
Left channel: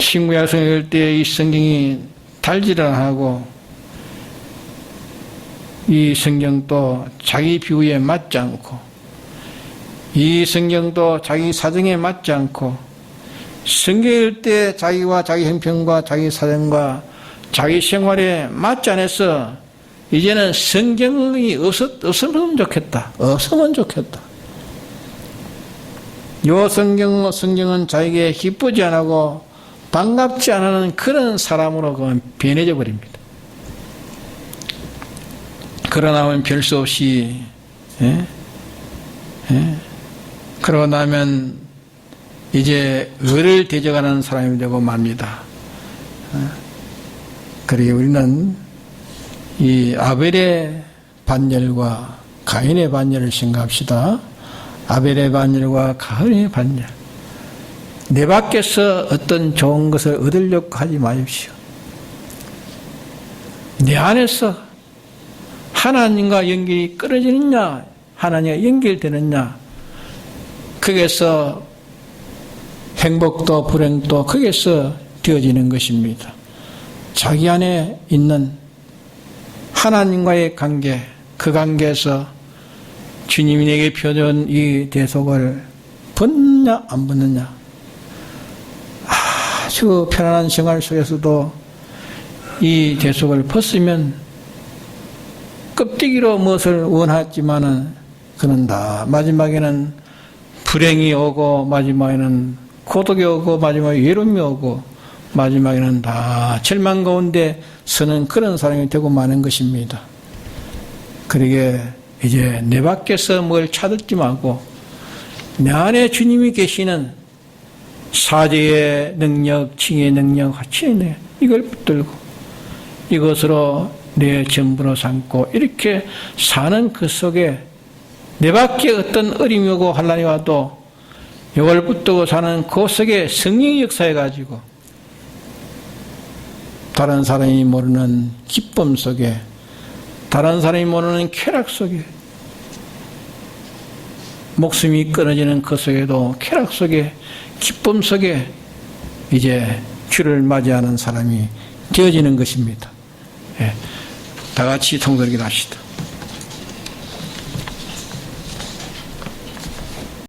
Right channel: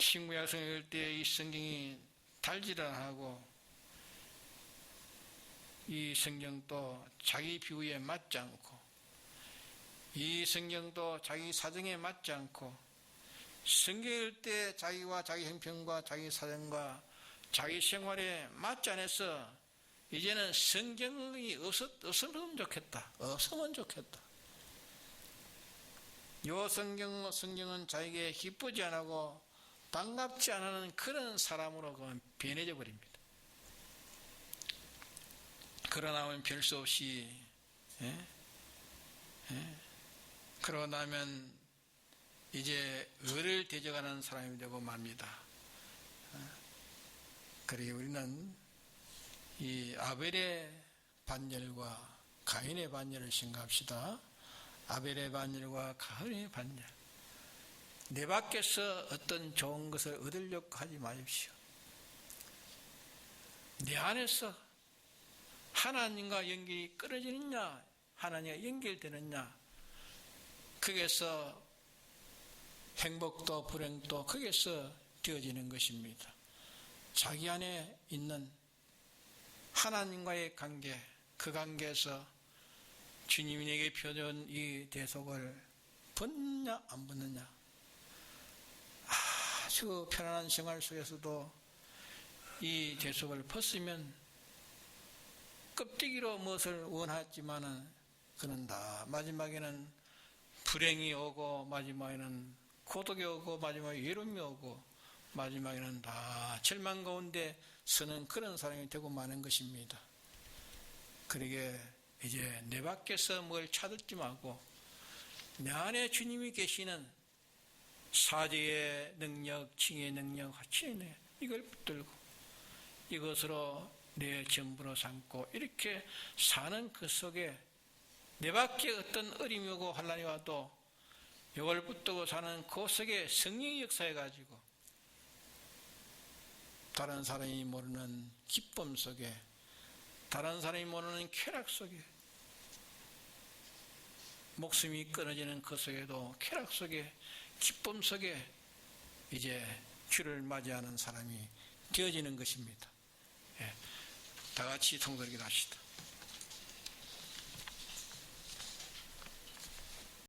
신구약성을 읽을 때 이 성경이 달지를 않고, 이 성경도 자기 비유에 맞지 않고, 이 성경도 자기 사정에 맞지 않고, 성경 읽을 때 자기와 자기 형편과 자기 사정과 자기 생활에 맞지 않아서 이제는 성경이 없으면 좋겠다. 없으면 좋겠다. 요 성경은 자에게 기쁘지 않고 반갑지 않은 그런 사람으로 변해져 버립니다. 그러나 하면 별 수 없이 그러고 나면 이제 을을 대적하는 사람이 되고 맙니다. 그러게 우리는 이 아벨의 반열과 가인의 반열을 생각합시다. 아벨의 반열과 가인의 반열. 내 밖에서 어떤 좋은 것을 얻으려고 하지 마십시오. 내 안에서 하나님과 연결이 끊어지느냐, 하나님과 연결되느냐, 거기에서 행복도 불행도 거기에서 되어지는 것입니다. 자기 안에 있는 하나님과의 관계, 그 관계에서 주님이 내게 펴준 이 대속을 벗느냐 안 벗느냐, 아주 편안한 생활 속에서도 이 대속을 벗으면 껍데기로 무엇을 원하지만은 그는 다 마지막에는 불행이 오고, 마지막에는 고독이 오고, 마지막에 외로움이 오고, 마지막에는 다 절망 가운데 서는 그런 사람이 되고 마는 것입니다. 그러게 이제 내 밖에서 뭘 찾지 말고 내 안에 주님이 계시는 사제의 능력, 칭의 능력, 화치의 능력, 이걸 붙들고 이것으로 내 전부로 삼고 이렇게 사는 그 속에 내 밖에 어떤 어림이 오고 환난이 와도 이걸 붙들고 사는 그 속에 성령이 역사해가지고 다른 사람이 모르는 기쁨 속에, 다른 사람이 모르는 쾌락 속에, 목숨이 끊어지는 그 속에도 쾌락 속에, 기쁨 속에 이제 주를 맞이하는 사람이 되어지는 것입니다. 다 같이 통독을 합시다.